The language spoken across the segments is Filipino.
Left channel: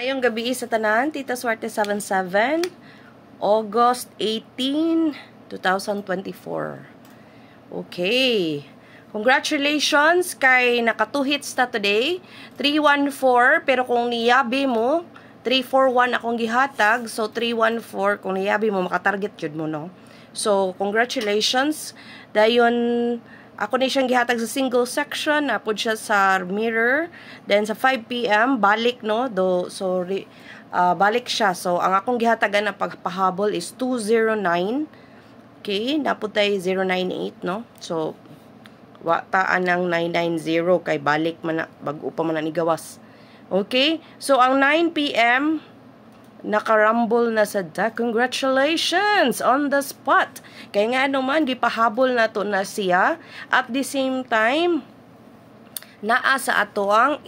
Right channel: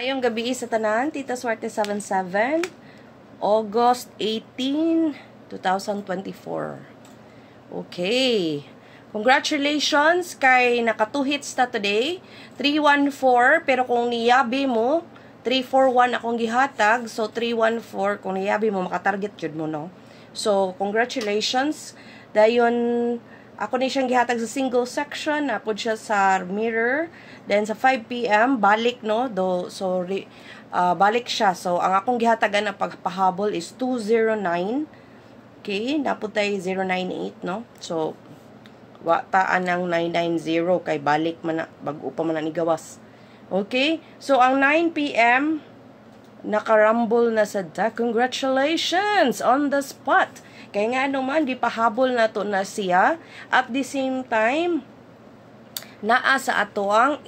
Ngayong gabi sa tanan, Tita Swerte 77, August 18, 2024. Okay. Congratulations kay naka 2 hits ta today. 314, pero kung niyabi mo, 341 akong gihatag. So, 314, kung niyabi mo, makatarget jud mo, no? So, congratulations. Dayon, ako ni siyang gihatag sa single section, napod siya sa mirror. Then sa 5 PM balik, no, balik siya. So ang akong gihatagan na pagpahabol is 209. Okay, napod tay 098, no. So taan ng 990 kay balik man na, bag-o pa man na ni gawas. Okay, so ang 9 PM nakarumble na sa da. Congratulations on the spot. Kaya nga naman, gipahabol na to na siya. At the same time, naa sa ato ang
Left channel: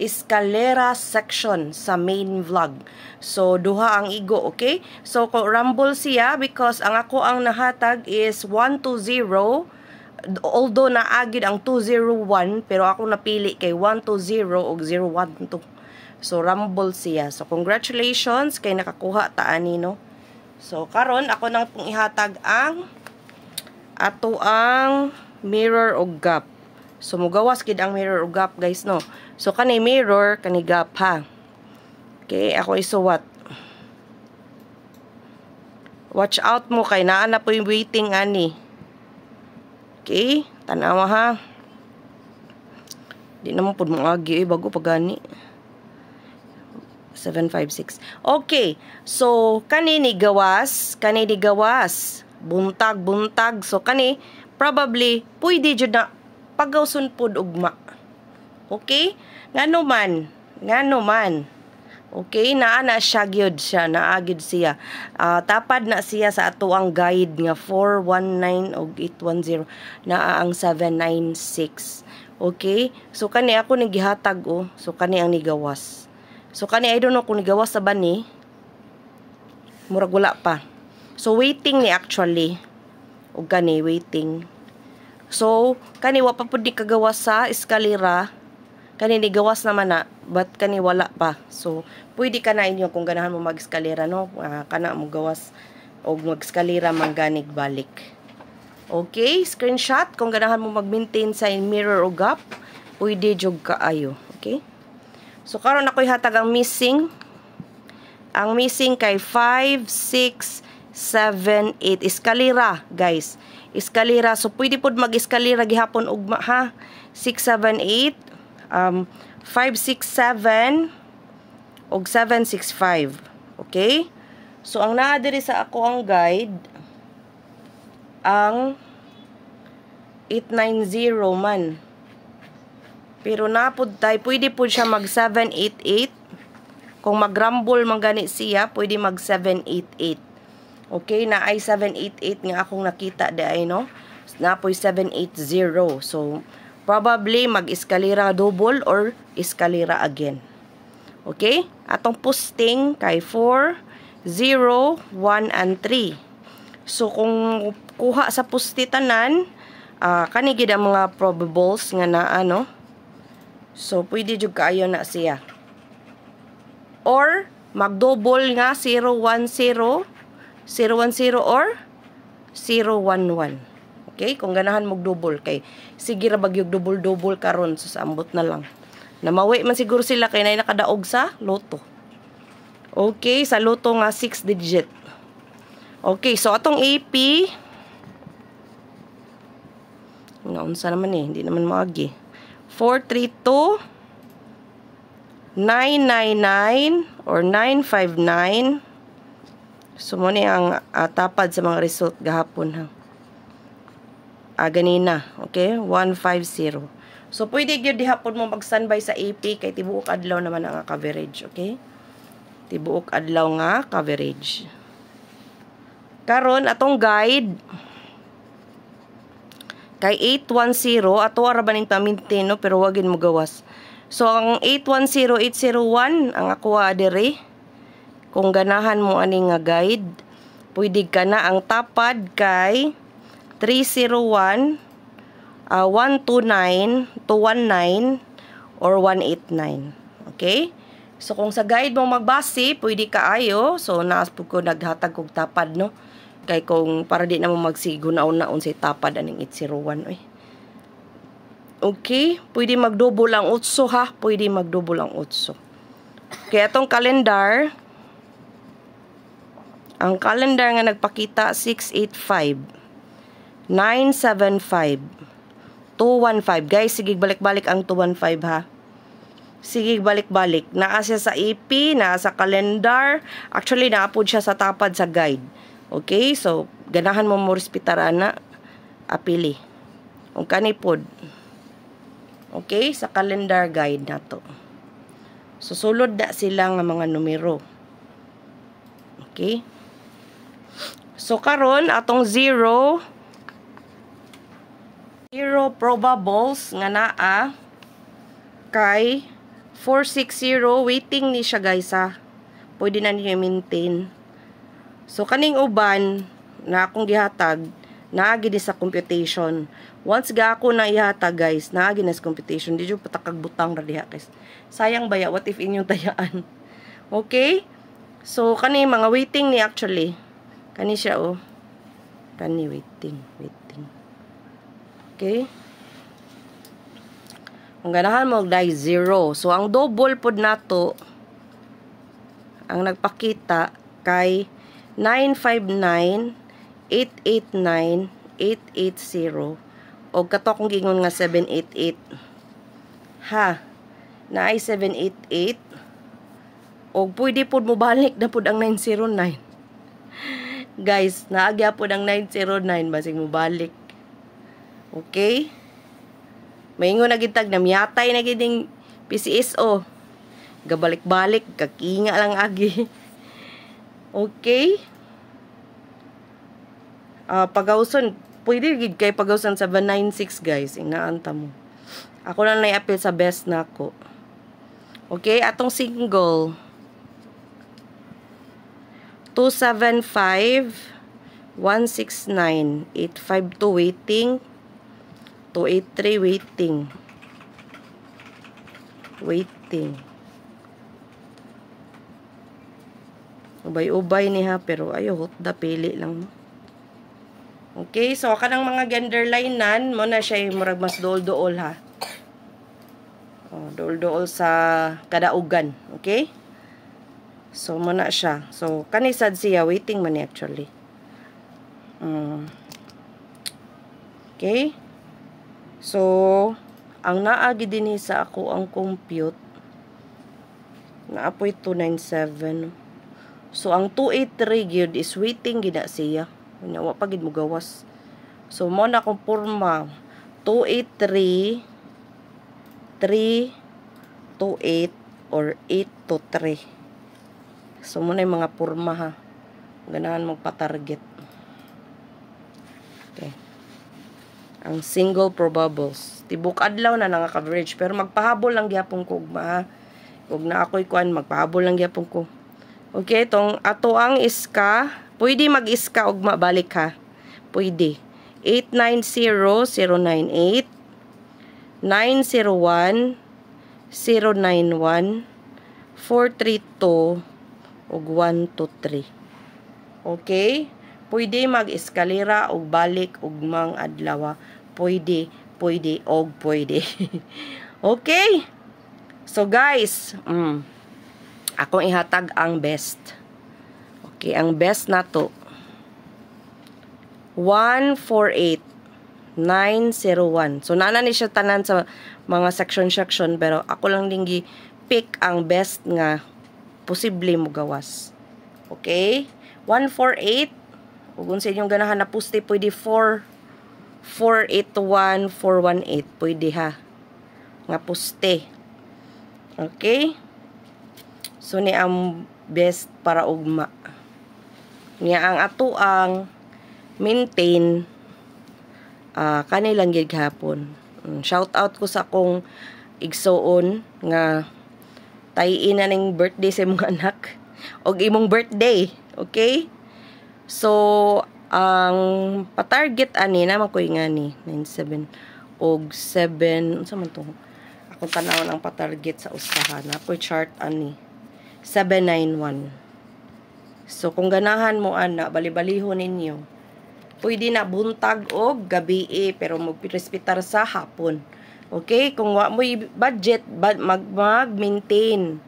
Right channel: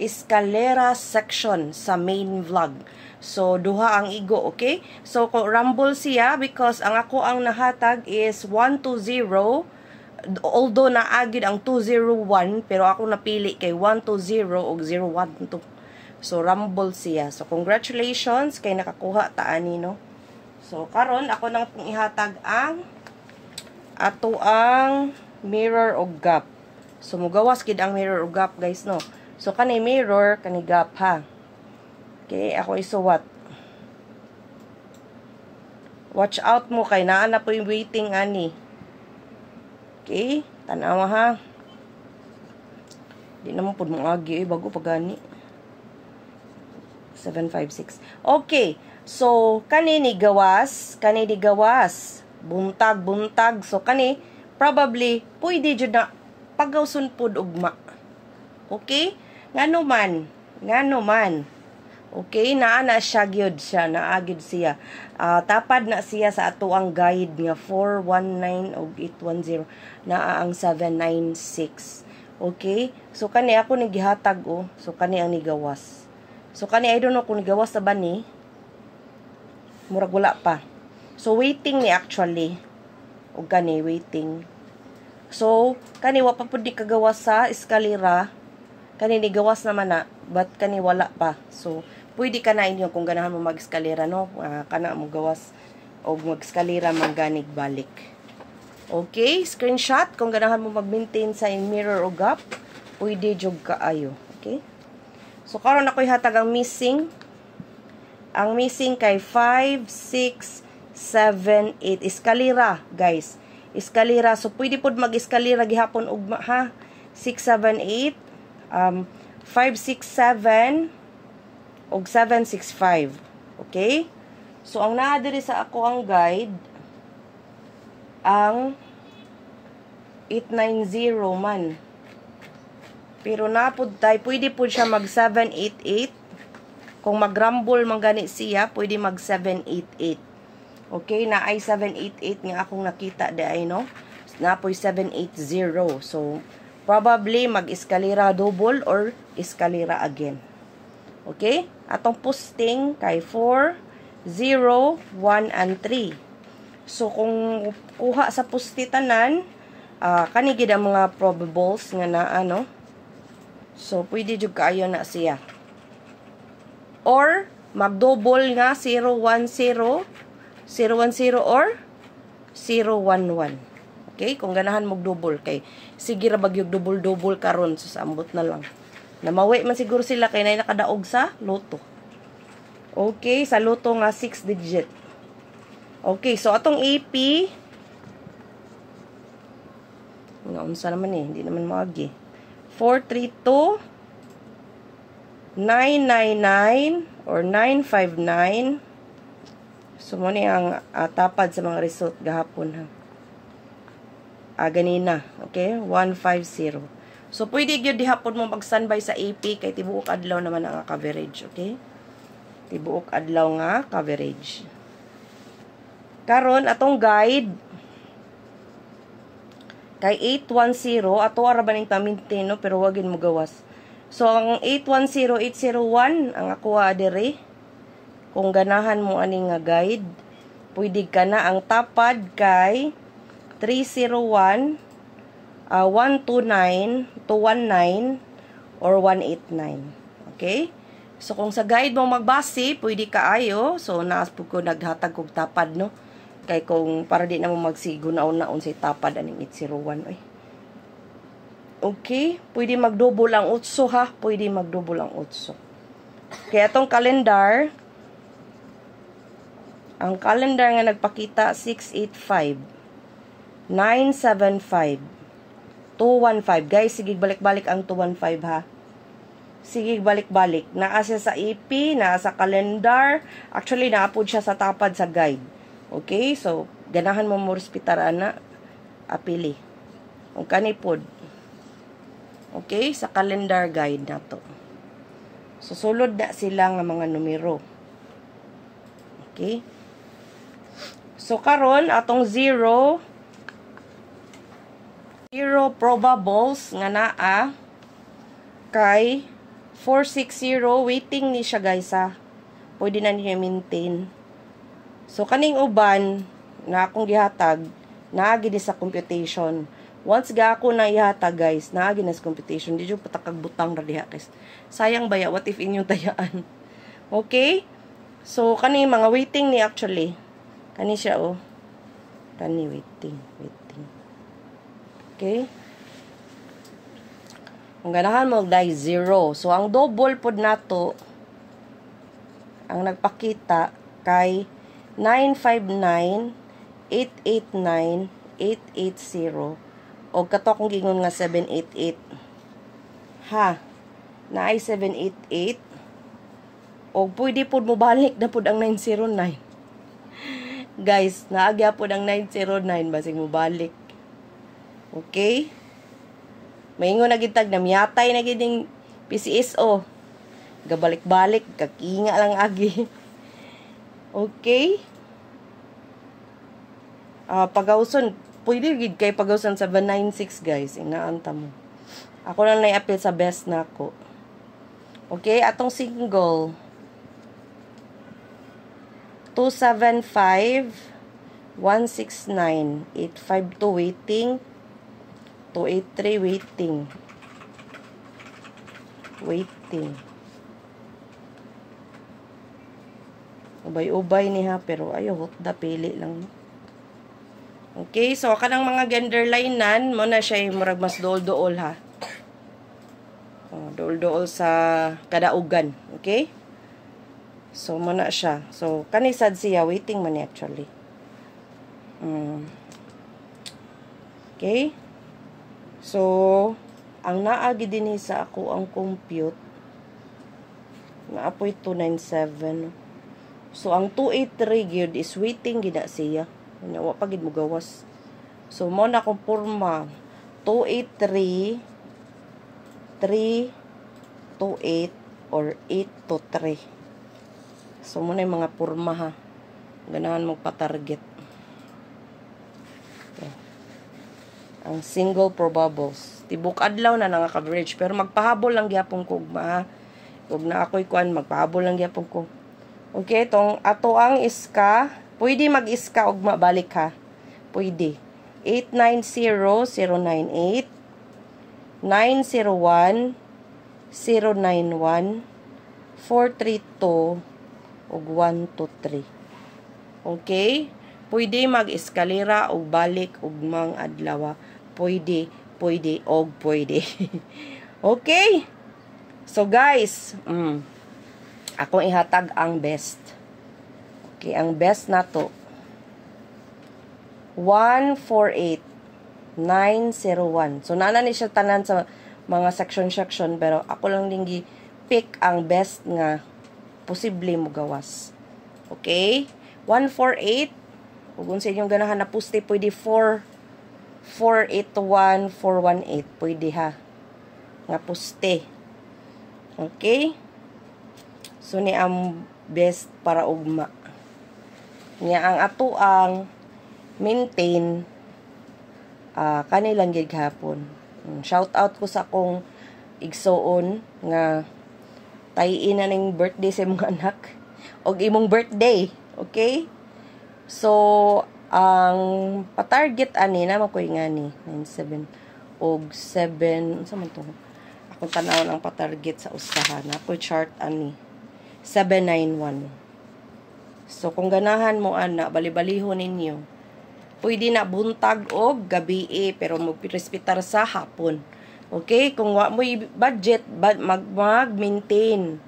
escalera section sa main vlog. So, duha ang igo, okay? So, rumble siya because ang ako ang nahatag is 120. Although naagid ang 201, pero ako napili kay 120 o 012. So, rumble siya. So, congratulations kay nakakuha ta ani, no? So, karon ako nang pong ihatag ang ato ang mirror o gap. So, mugawas gid ang mirror o gap, guys, no? So, kani mirror, kani gap, ha? Okay, ako isuwat. Watch out mo kay naa na po yung waiting, ani. Okay, tanawa, ha? Di naman po mga agi, bago pagani. 756. Okay. So, kanini gawas. Buntag. So, kani, probably, pwede dyan na pagawsun po ugma. Okay? Ngano man. Okay? Naana siya gyud siya. Naagid siya. Tapad na siya sa ato ang guide nga 419 o 810. Naa ang 796. Okay? So, kani ako nagihatag, oh. So, kani ang nigawas. So, kani, I don't know kung nigawas sa ba ni. Murag wala pa. So, waiting ni actually. O kani, waiting. So, kani, wapa po di kagawas sa eskalera. Kani, nigawas naman na. But, kani, wala pa. So, pwede ka na inyo kung ganahan mo mag-eskalera, no? Kana mo gawas o mag-eskalera mangganig balik. Okay? Screenshot. Kung ganahan mo mag-maintain sa mirror o gap, pwede jog kaayo. Okay? So, karon ako'y hatag ang missing. Ang missing kay 5, 6, 7, 8. Eskalera, guys. Eskalera. So, pwede po mag-eskalera gihapon ugma, ha? 6, 7, 8. 5, 6, 7. Og 7, 6, 5. Okay? So, ang naa diri sa ako ang guide, ang 890 man. Pero napod tayo, pwede po siya mag 788. Kung mag-rumble man gani siya, pwede mag 788. Okay, na ay 788 nga akong nakita di ay, no? Na po 780. So, probably mag-eskalera double or eskalera again. Okay? Atong posting kay 4, 0, 1, and 3. So, kung kuha sa postitanan, kanigid ang mga probables nga na ano. So, pwede jud kaayo na siya. Or, mag-double nga 010, 010 or 011. Okay? Kung ganahan mag-double kay sige ra bagyog double karon so sa ambot na lang. Namawi man siguro sila kay nay nakadaog sa loto. Okay, sa loto nga 6 digit. Okay, so atong AP naunsa naman hindi naman maagi. 432 999 or 959. So, mo ni ang tapad sa mga result gahapon, ha. Ganina. Okay? 150. So, pwede yun dihapon mo mag-standby sa AP kay tibuok adlaw naman ang coverage. Okay? Tibuok adlaw nga coverage. Karon atong guide kay 810 ato ara baning ta maintain, no, pero wagin mo gawas. So ang 810 801 ang ako adere. Kung ganahan mo ani nga guide, pwede ka na ang tapad kay 301 129 219 or 189. Okay? So, kung sa guide mo magbase, pwede kaayo. So, naas po ko naghatag kong tapad, no? Kay kung para di na mo magsigo na una unsay tapad aning 801, oy. Okay? Pwede mag-double ang utso, ha? Pwede mag-double ang utso. Kaya itong calendar, ang calendar nga nagpakita 685, 975, 215. Guys, sige balik-balik ang 215, ha? Sige, balik-balik. Naa siya sa AP, naa sa calendar. Actually, naapod siya sa tapad sa guide. Okay? So, ganahan mo mo respetara na apili. Kung kanipod. Okay? Sa calendar guide na to. So, sulod na sila nga mga numero. Okay? So, karon atong 0 probables nga naa kay 460, waiting ni siya guys ha. Pwede na niyo i-maintain. So, kaning uban na akong gihatag, naagi sa computation. Once ga ako na ihatag guys, naagi na sa computation. Di dyo patakag butang radiha guys. Sayang baya, what if inyong tayaan? Okay? So, kani mga waiting ni actually. Kani siya oh. Kani waiting. Okay? Ang ganahan mo dahil 0. So, ang double pod nato ang nagpakita kay 959, 889, 880 o kato akong gingon nga 788. Ha? Na ay 788 o pwede pod mo balik na pod ang 909. Guys, naagya pod ang 909 basig mo balik. Okay? Maingon na gitag na miyatay na giting PCSO. Gabalik-balik, kakinga lang agi. Okay? Pagawson, pwede gid kay pagawson 796 guys. Inaanta mo. Ako na i-appeal sa best na ako. Okay? Atong single. 275, 169, 852 waiting. 283 waiting. Ubay-ubay ni ha, pero ayo hotda pili lang. Okay, so kanang mga gender linean mo na siya murag mas dool-dool ha. Oh, dool-dool sa kadaugan, okay? So mo na siya. So kanisad siya waiting man actually. Okay? So, ang naagi din sa ako ang compute, naapoy 297. So, ang 283 gyud is waiting gina siya. Wa pa gid mo gawas. So, mo na kung porma 283, 328 or 823. So, mo na yung mga porma ha. Ganahan magpa-target. Ang single probables. Tibok adlaw na nga coverage. Pero magpahabol lang gyapon ko ugma. Huwag na ako'y kuan, magpahabol lang gyapon ko. Okay, itong ato ang iska. Pwede mag-iska ugma balik ha. Pwede. 890-098 901 091 432 ug 123. Okay? Pwede mag-eskalera og balik ugmang adlaw. Pwede, og pwede. Okay? So guys, akong ihatag ang best. Okay, ang best na to. 148,901. So, naana ni siya tanan sa mga section, pero ako lang dingi pick ang best nga posible mo gawas. Okay? 148. Kung sa inyong ganahan na puste, pwede 481, 418. Pwede ha. Nga puste. Okay? So, ni ang best para ugma. Niya ang ato ang maintain kanilang gighapon. Shout out ko sa akong igsoon nga tayin na ning birthday sa imong anak. O imong birthday. Okay? So, ang pa-target ani na makoy nga ni 97 og 7 unsa man to? Akong tanawon ang pa-target sa usahan. Ako'y chart ani. 791. So kung ganahan mo ana, bali-baliho ninyo. Pwede na buntag o gabi pero magpirespitar sa hapon. Okay? Kung wa mo budget, mag-maintain.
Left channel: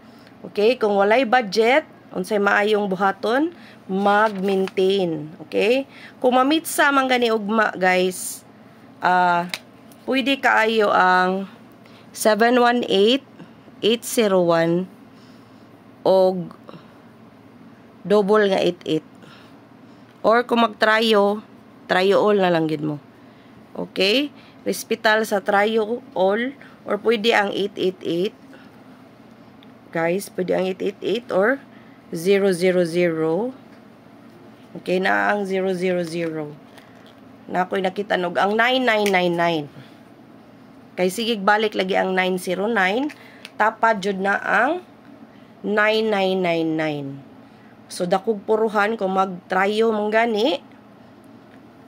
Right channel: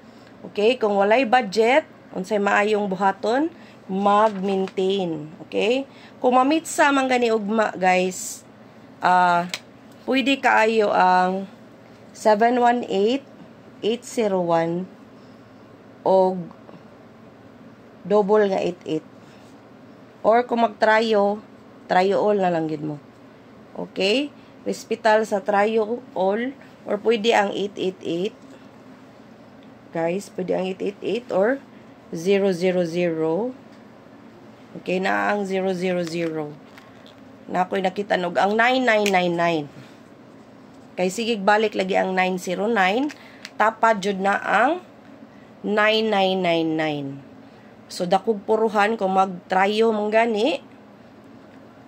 Okay? Kung walay budget, unsay maayong buhaton, mag-maintain. Okay? Kung mamitsa man gani ugma, guys, pwede kaayo ang 718, 801, o double nga 88. Or kung mag-tryo all na lang yun mo. Okay? Hospital sa tryo all, or pwede ang 888. Guys, pwede ang 888 or 000. Okay, na ang 000. Na ako'y nakita nog ang 9999. Kay sigig balik lagi ang 909. Tapad jud na ang 9999. So dakog puruhan kung mag-tryo mong gani,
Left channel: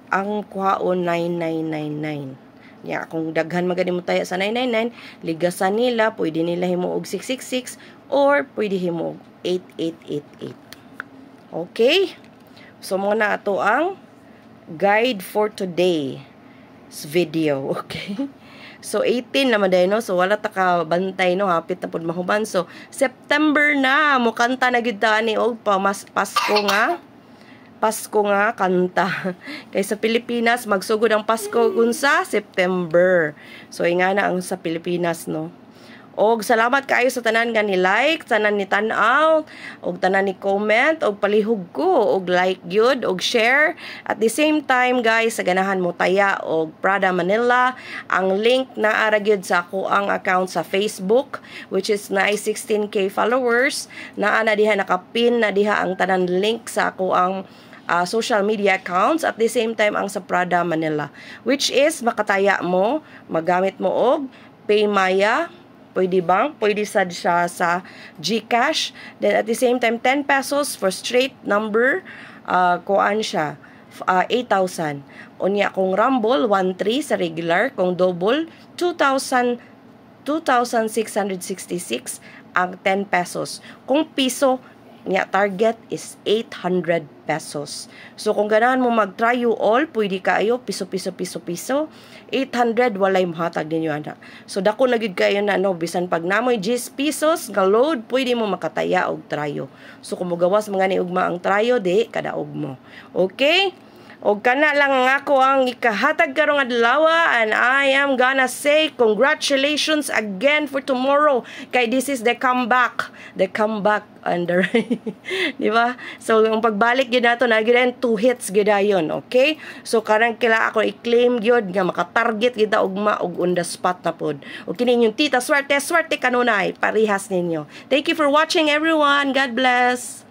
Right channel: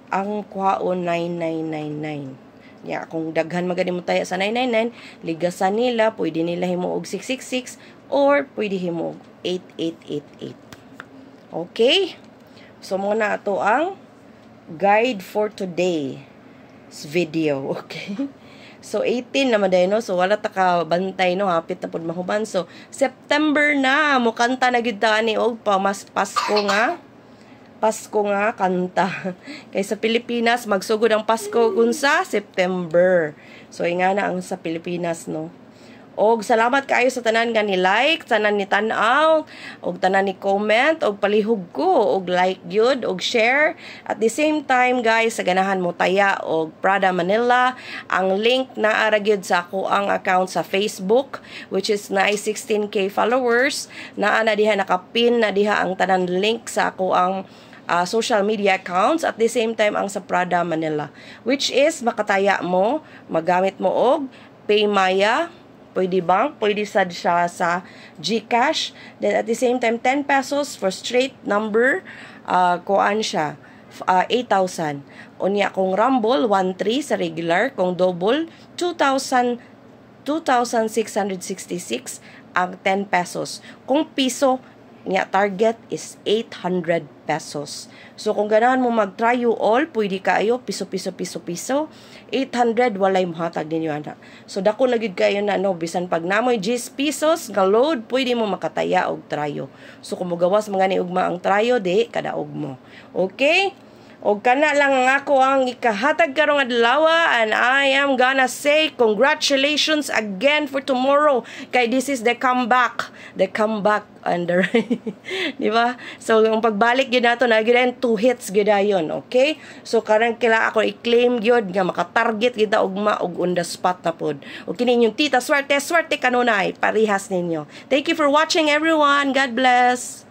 ang kuhaon 9999. Ya, kung daghan magani mo tayo sa 999, ligasan nila, pwede nila himuog 666 or pwede himuog 8888. Okay? So muna ato ang guide for today's video. Okay? So 18 naman dahil, no? So wala ta ka bantay, no? Hapit na pud mahuban. So September na, mo kanta na gid ta ni og Pasko nga kanta. Kay sa Pilipinas magsugod ang Pasko unsa September. So ingana ang sa Pilipinas, no. Og salamat kaayo sa tanan nga ni like, tanan ni tan-aw, og tanan ni comment, og palihog ko og like gyud og share. At the same time, guys, sa ganahan mo taya og Prada Manila, ang link na ara gyud sa ako ang account sa Facebook, which is na 16k followers. Naa na diha nakapin na diha ang tanan link sa ako ang social media accounts, at the same time ang sa Prada Manila, which is makataya mo, magamit mo og Paymaya, pwede bang, pwede sad siya sa GCash, then at the same time 10 pesos for straight number, kuan siya 8,000. Unya kung Rumble 1,300 sa regular, kung double 2,666 ang 10 pesos. Kung piso niya target is 800 pesos. So kung ganahan mo mag-tryo all, pwede kayo piso. 800 walay mahatag ninyo ana. So dako na gid kayo na, no, bisan pag namoy 10 pesos nga load, pwede mo makataya og tryo. So kung mogawas mga ni ugma ang tryo, di kadaog mo. Okay? Og kana lang ako ang ikahatag karong adlaw, and I am gonna say congratulations again for tomorrow. Kay this is the comeback under. Di ba? So yung pagbalik gyud nato na gyud 2 hits gyud ayon, okay? So karang kila ako i-claim gyud nga maka-target gyud ugma og on the spot na pod. O kini yung tita swerte kanunay parihas ninyo. Thank you for watching, everyone. God bless.